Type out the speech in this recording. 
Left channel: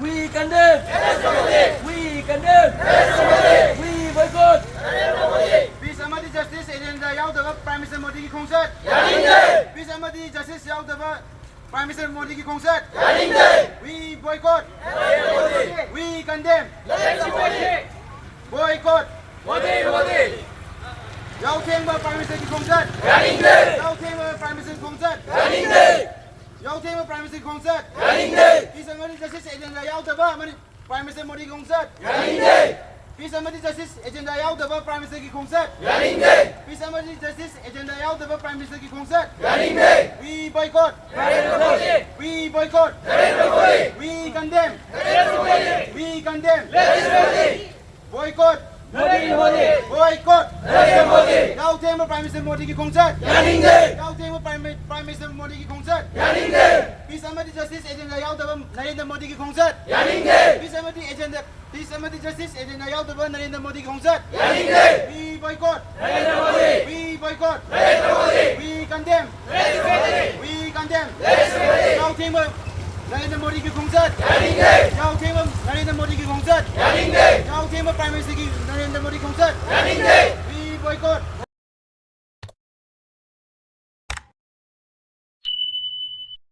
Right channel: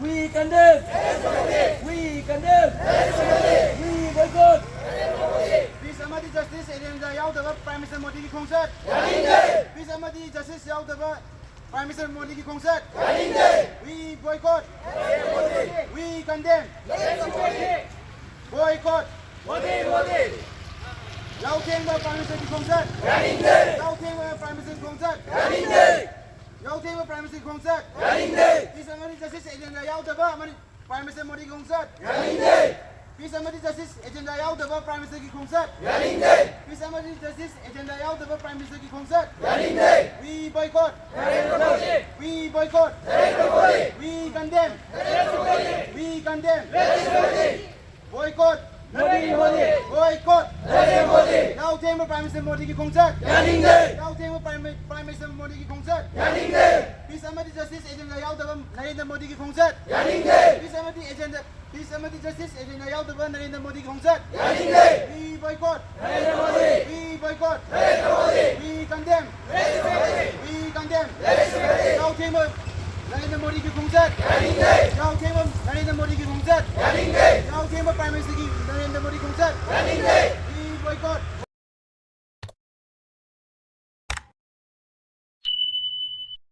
We condemn. We condemn. We boycott. Peace amadi justice agenda yaudaba Prime Minister Modi की खोंगसट Peace amadi justice yaudaba Prime Minister Modi की खोंगसट We boycott. We condemn. Boycott. Yautengba Prime Minister की खोंगसट Yautengba Prime Minister की खोंगसट Yautengba Prime Minister की खोंगसट Peace amadi justice agenda yaudaba Prime Minister Modi की खोंगसट Peace amadi justice agenda yaudaba Prime Minister की खोंगसट Peace amadi justice agenda yaudaba Prime Minister की खोंगसट We boycott. We boycott. We condemn. We condemn. Boycott. Boycott. Yautengba Prime Minister Modi की खोंगसट Yautengba Prime Minister Modi की खोंगसट Peace amadi justice agenda yaudaba Narendra Modi की खोंगसट Peace amadi justice agenda yaudaba Narendra Modi की खोंगसट We boycott. We boycott. We condemn. We condemn. Yautengba Narendra Modi की खोंगसट Yautengba Narendra Modi की खोंगसट Yautengba Prime Minister की Narendra Modi की खोंगसट We boycott.